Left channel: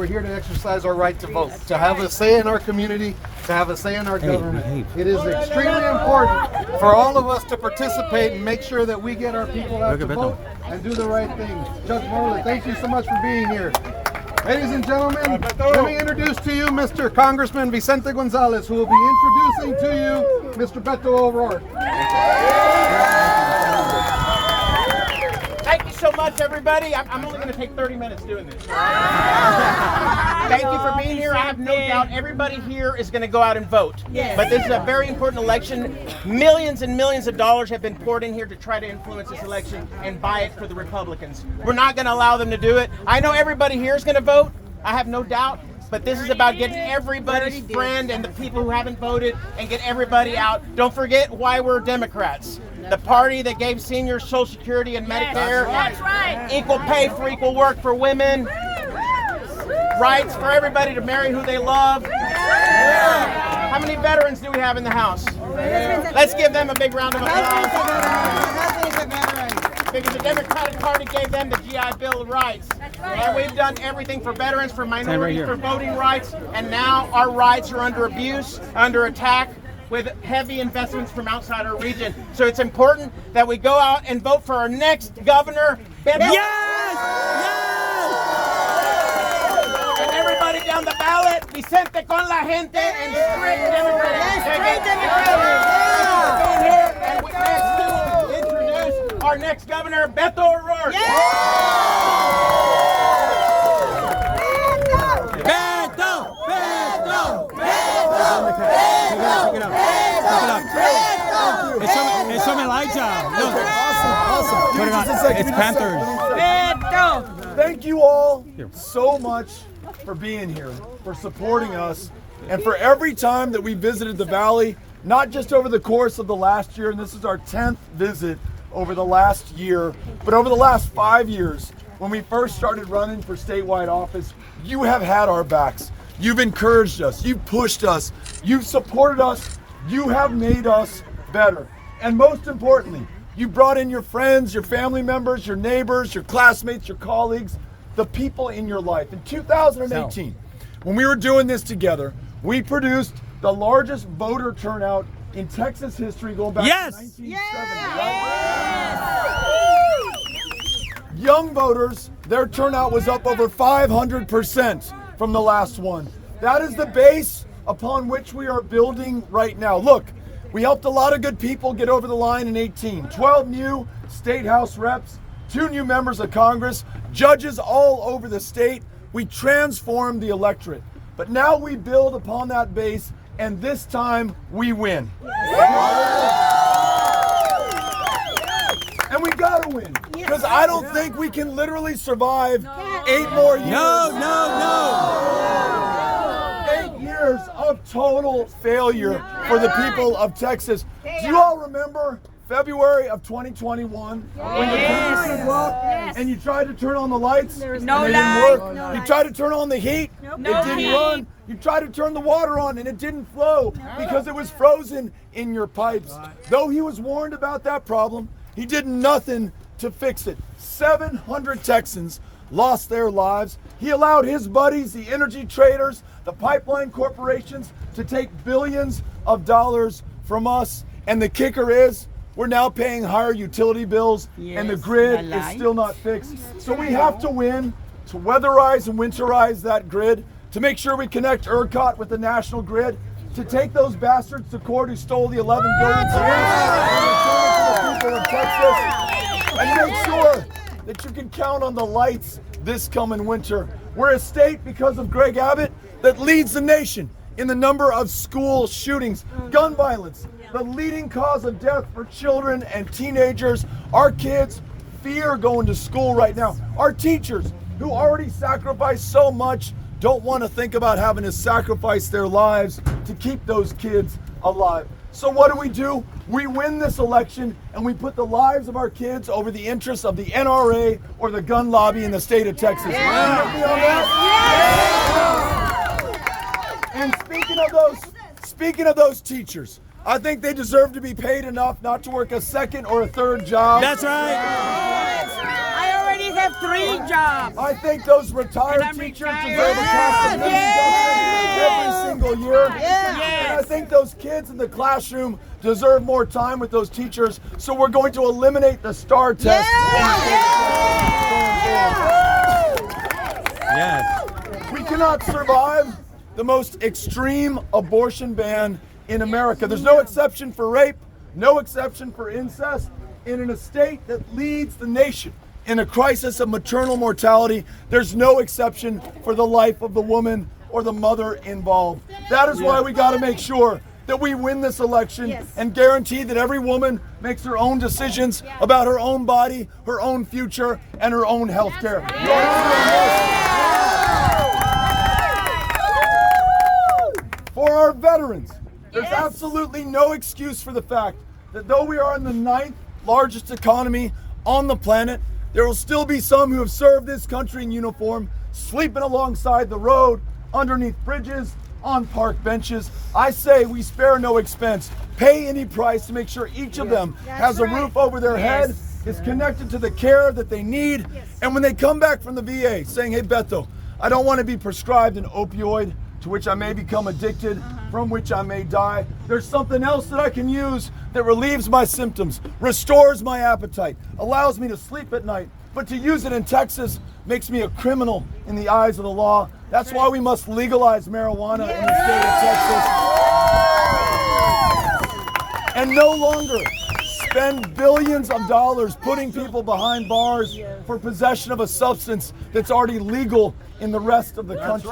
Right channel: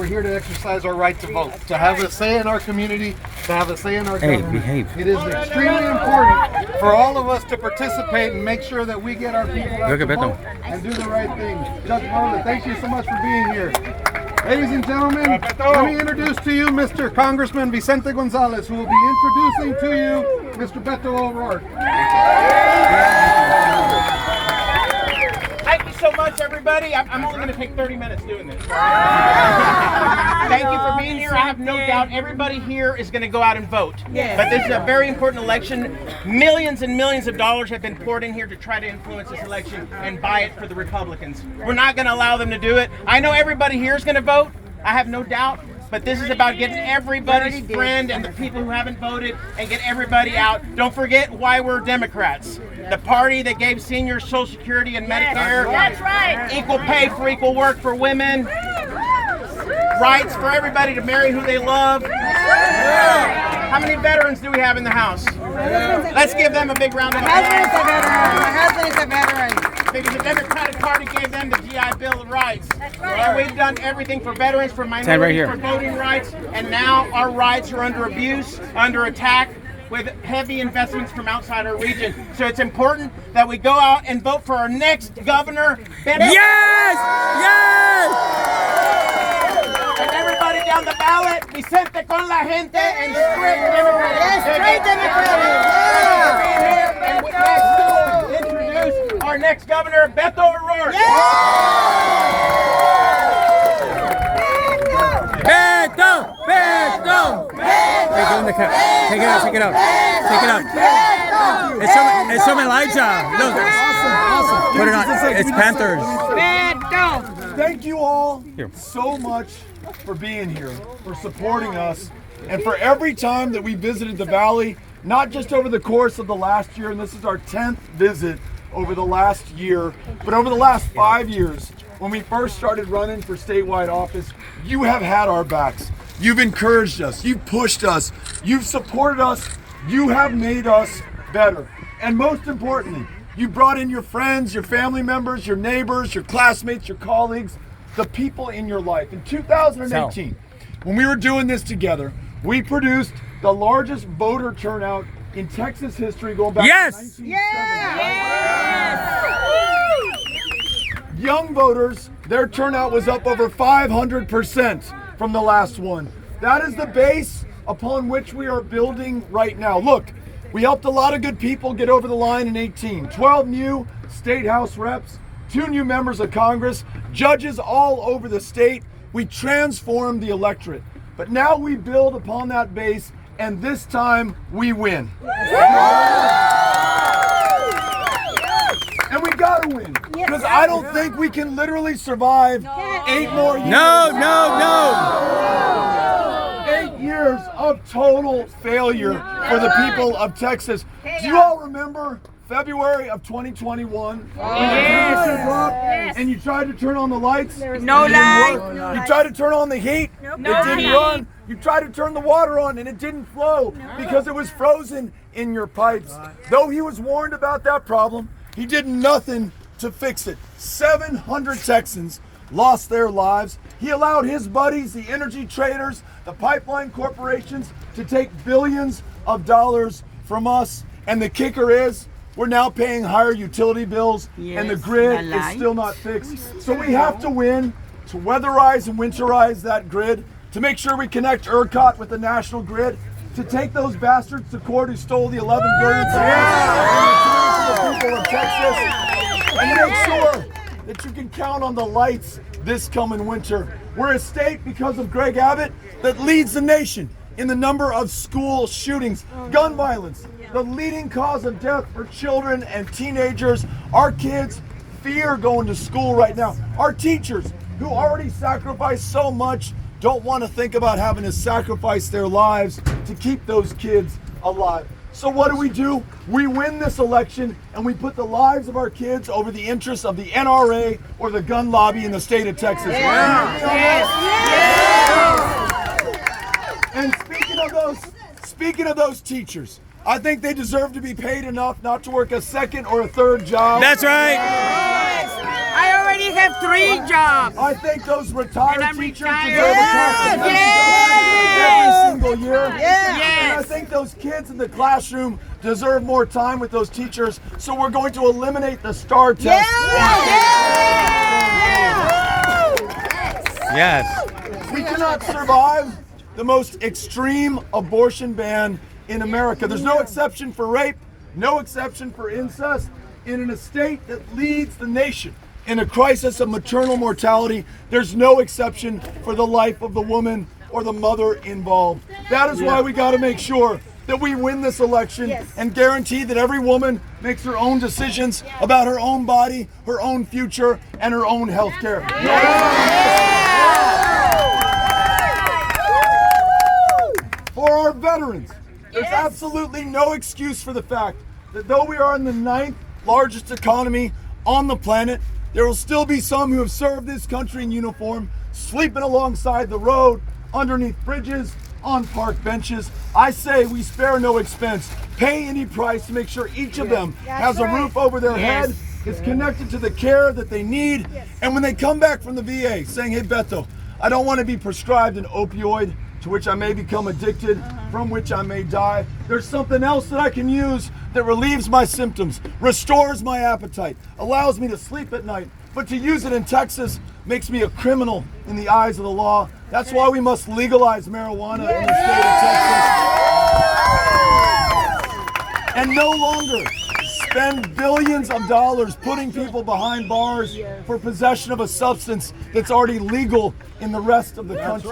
we're here to exercise our right to vote, to have a say in our community, to have a say in our government. It is extremely important for all of us to participate and make sure that we get our people out to vote and do the right thing. Judge Moreland, thank you so much for being here. Ladies and gentlemen, let me introduce to you Mr. Congressman Vicente Gonzalez, who will be introducing to you Mr. Beto O'Rourke. Thank you so much, everybody. I'm only going to take 30 minutes doing this. Thank you for being here. I have no doubt everybody here is going to go out and vote. Yes. But this is a very important election. Millions and millions of dollars have been poured in here to try to influence this election and buy it for the Republicans. We're not going to allow them to do it. I know everybody here is going to vote. I have no doubt. But this is about getting everybody's friend and the people who haven't voted and get everybody out. Don't forget why we're Democrats. The party that gave seniors Social Security and Medicare. That's right. Equal pay for equal work for women. Rights for everybody to marry who they love. How many veterans do we have in the House? Let's give them a big round of applause. My husband is a veteran. Because the Democratic Party gave them the GI Bill of Rights. That's right. And we've done everything for veterans, for minorities, for voting rights, and now our rights are under abuse, under attack, with heavy investments from outside our region. So it's important that we go out and vote for our next governor, Beto. Yes! Yes! And everybody down the ballot, Vicente con la gente, and straight our next governor, Beto O'Rourke. Beto! Beto! Take it out, take it out. Take it out. It's from Elijah. Look. Awesome. Put it on. It's Panthers. Beto! Thank you all so much for being here, for supporting us, and for every time that we visited the Valley, not just over the course of the last year, and this is our 10th visit over the last year, but over the last 5 years, when we first started running for statewide office, you have had our backs. You've encouraged us, you've pushed us, you've supported us, you have made us better. And most importantly, you brought in your friends, your family members, your neighbors, your classmates, your colleagues, the people in your life. In 2018, when we were doing this together, we produced the largest voter turnout in Texas history going back to 1970. Young voters, their turnout was up over 500% from the last one. That is the base upon which we are building right now. Look, we helped a lot of good people get over the line in 18. 12 new state house reps, 2 new members of Congress, judges all over the state. We transformed the electorate. But now we build upon that base, and this time we win. And we gotta win, because I don't think we can literally survive 8 more years. No. 8 years of total failure for the people of Texas. Do you all remember February of 2021? And you tried to turn on the lights? No light. You tried to turn on the heat? It didn't run. You tried to turn the water on and it didn't flow because it was frozen in your pipes. Though he was warned about that problem, he did nothing to fix it. 700 Texans lost their lives. He allowed his buddies, the energy traders, the pipeline corporations, to take billions of dollars from us. And the kicker is, we're now paying higher utility bills, and the grid is still not fixed. So we have to win to weatherize and winterize that grid, to make sure we connect ERCOT with the national grid, to take those bastards to court who stole the $11 billion and return to the people of Texas, and to make sure that you can count on the lights this coming winter. We're a state, because of Greg Abbott, that leads the nation in the number of school shootings, gun violence, the leading cause of death for children and teenagers. Our kids fear going to school right now. Our teachers, who already sacrificed so much, don't want to think about having to sacrifice their lives to keep those kids alive. So what do? We win this election, and we put the lives of our kids over the interests of the NRA or the gun lobby in the state of Texas. And speaking of those teachers, I think they deserve to be paid enough not to work a second or a third job. That's right. I already have 3 jobs. I think those retired And I'm teachers retired. deserve a contribution every single year. Yes. And I think those kids in the classroom deserve more time with those teachers. So we're going to eliminate the STAR test. Yes. We cannot survive the most extreme abortion ban in America. There's no exception for rape, no exception for incest. In a state that leads the nation in a crisis of maternal mortality, there's no exception for the life of the woman or the mother involved. That is why we got to make sure that we win this election and guarantee that every woman makes her own decisions about her own body, her own future, and her own health care. For our veterans, there's absolutely no excuse for the fact that though we are in the 9th largest economy on the planet, there will still be some who have served this country in uniform, sleeping alongside the road, underneath bridges, on park benches. I say we spare no expense, pay any price to make sure each of them has a roof over their head, is connected to the care that they need, and when they come back from the VA saying, hey Beto, I don't want to be prescribed an opioid to which I may become addicted, from which I may die. There's something else that I can use that relieves my symptoms, restores my appetite, allows me to sleep at night. But to use it in Texas makes me a criminal in the eyes of the law. That's why we must legalize marijuana in the state of Texas. And no longer spend billions of dollars putting people behind bars for possession of a substance that's already legal in the rest of the country.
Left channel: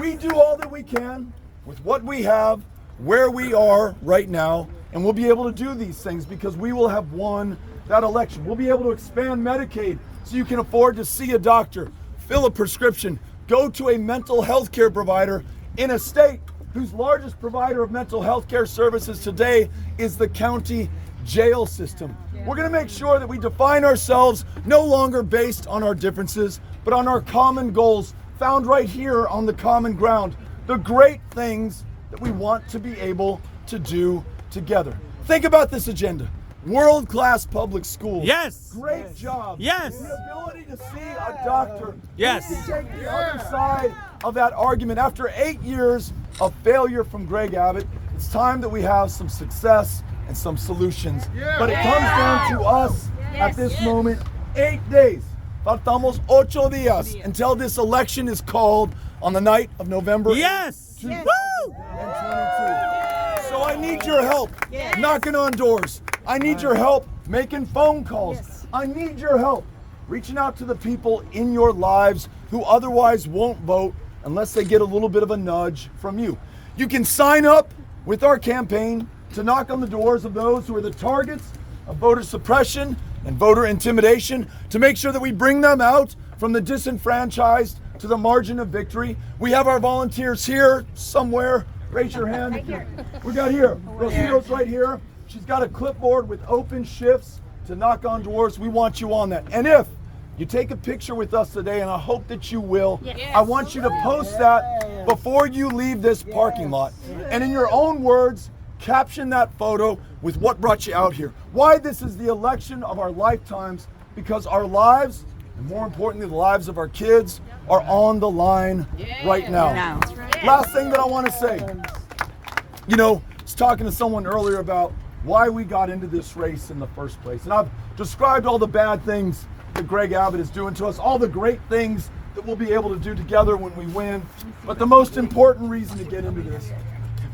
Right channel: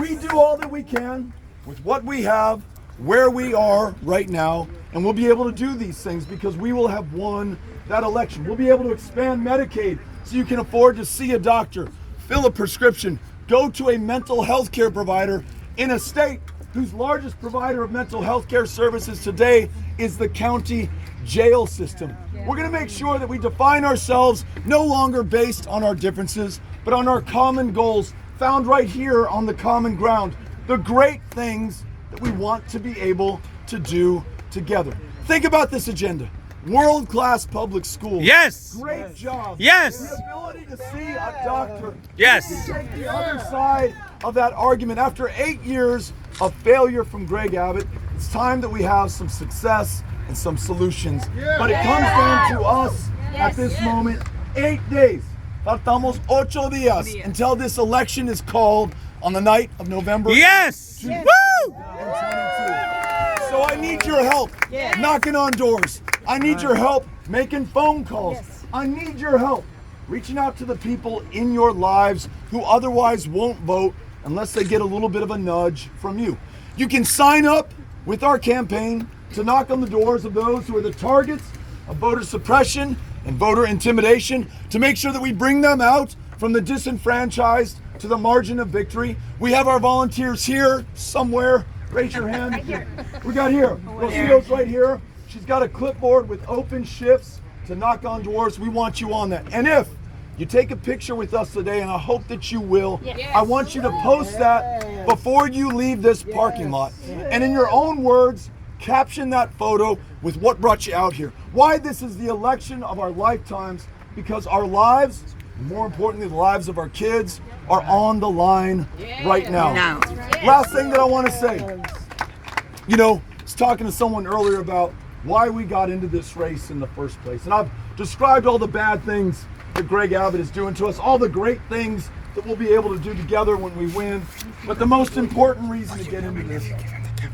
We do all that we can with what we have, where we are right now, and we'll be able to do these things because we will have won that election. We'll be able to expand Medicaid so you can afford to see a doctor, fill a prescription, go to a mental health care provider in a state whose largest provider of mental health care services today is the county jail system. We're going to make sure that we define ourselves no longer based on our differences, but on our common goals found right here on the common ground, the great things that we want to be able to do together. Think about this agenda. World-class public schools. Yes. Great job. Yes. The ability to see a doctor. Yes. We take the other side of that argument. After 8 years of failure from Greg Abbott, it's time that we have some success and some solutions. But it comes down to us at this moment. 8 days. Faltamos 8 días until this election is called on the night of November. Yes. Woo! 2022. So I need your help knocking on doors. I need your help making phone calls. I need your help reaching out to the people in your lives who otherwise won't vote unless they get a little bit of a nudge from you. You can sign up with our campaign to knock on the doors of those who are the targets of voter suppression and voter intimidation, to make sure that we bring them out from the disenfranchised to the margin of victory. We have our volunteers here somewhere. Raise your hand. We got here. Rosito's right here. She's got a clipboard with open shifts to knock on doors. We want you on that. And if you take a picture with us today, and I hope that you will, I want you to post that before you leave this parking lot. And in your own words, caption that photo with what brought you out here. Why this is the election of our lifetimes, because our lives, and more importantly, the lives of our kids, are on the line right now. Last thing that I want to say, you know, I was talking to someone earlier about why we got into this race in the first place. And I've described all the bad things that Greg Abbott is doing to us, all the great things that we'll be able to do together when we win. But the most important reason to get into this,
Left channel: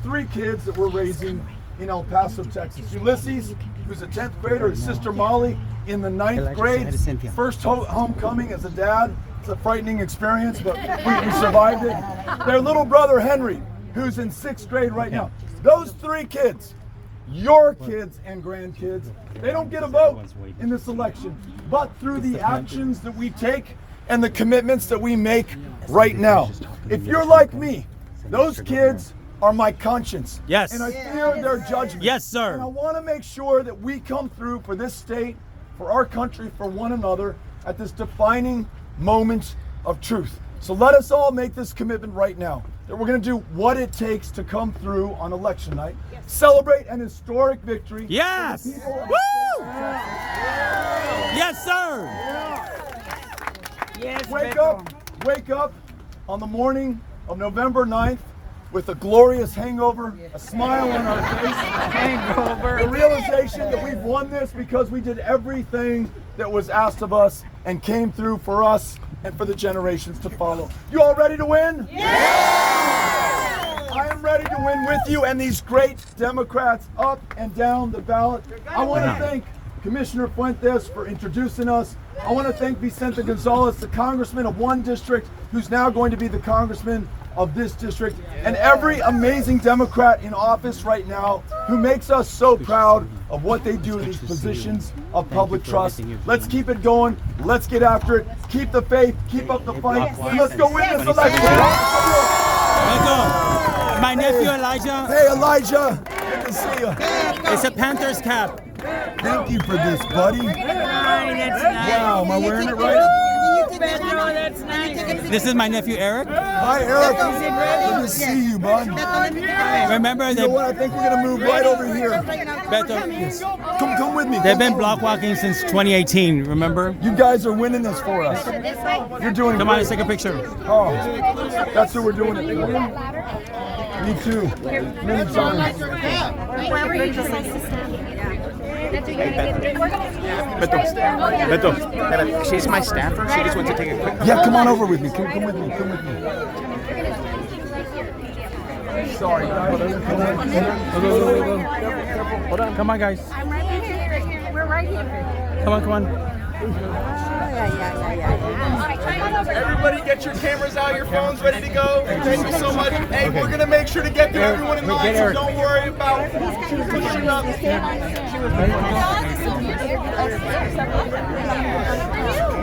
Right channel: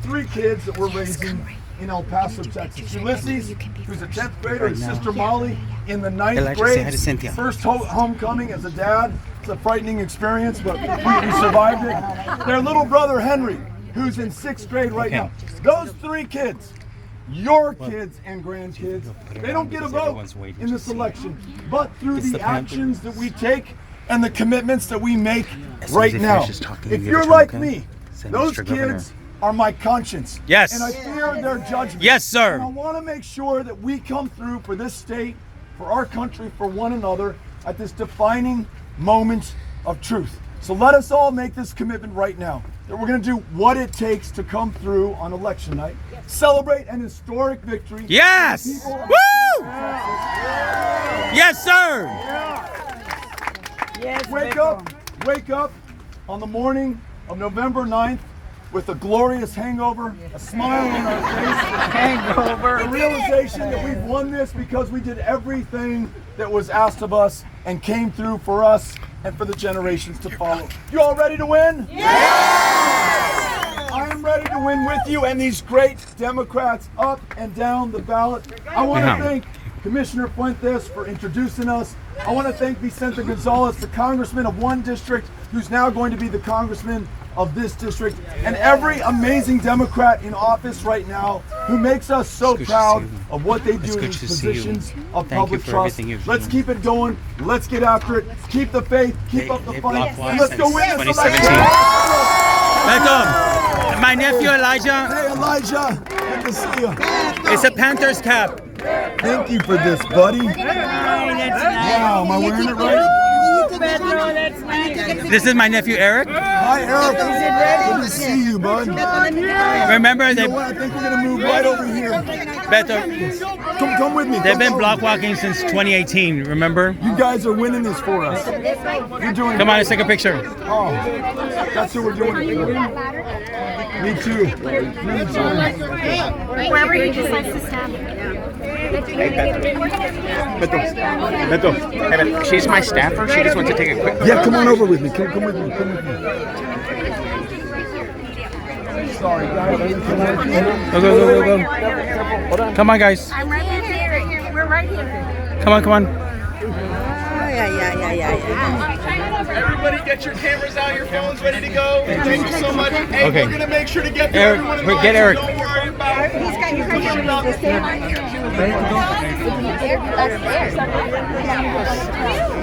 3 kids that we're raising in El Paso, Texas. Ulysses, who's a 10th grader, his sister Molly in the 9th grade. First homecoming as a dad. It's a frightening experience, but we survived it. Their little brother Henry, who's in 6th grade right now. Those 3 kids, your kids and grandkids, they don't get a vote in this election, but through the actions that we take and the commitments that we make right now. If you're like me, those kids are my conscience. Yes. And I fear their judgment. Yes, sir. And I want to make sure that we come through for this state, for our country, for one another at this defining moment of truth. So let us all make this commitment right now, that we're going to do what it takes to come through on election night, celebrate an historic victory. Yes. Woo! Yes, sir. Yes, Wake up on the morning of November 9th with a glorious hangover, a smile on our face, Hangover. the realization that we've won this because we did everything that was asked of us and came through for us and for the generations to follow. You all ready to win? I am ready to win with you and these great Democrats up and down the ballot. I want to thank Commissioner Fuentes for introducing us. I want to thank Vicente Gonzalez, the congressman of one district, who's now going to be the congressman of this district, and every amazing Democrat in office right now who makes us so proud of what they do in these positions of public trust. Let's keep it going. Let's get after it. Keep the faith. Keep up the fight. Let's go win this. Beto, my nephew Elijah. Hey, Elijah. Good to see you. It's a Panthers cap. Thank you for this, buddy. That's nice. Wow, am I wearing it right? Pedro, that's nice. This is my nephew Eric. Hi, Eric. Good to see you, bud. Remember You they know what? I think we're gonna move right over here. Beto, Come with me. they've been block walking since 2018. Remember? You guys are winning this for us. You're doing. Come on, let's take a picture. Oh, that's who we're doing it for. Me too. Me too. Wherever he decides to stand. Beto, she's my staffer. She just wants to take a quick. Yeah, come on over with me. Come with me. Come with me. Sorry, guys. Go. Come on, guys. I'm right here. We're right here. Come on. Everybody get your cameras out, your phones ready to go. Thank you so much. Hey, Okay. we're gonna make sure to get to Eric, everyone in get line, so Eric. don't worry about He's got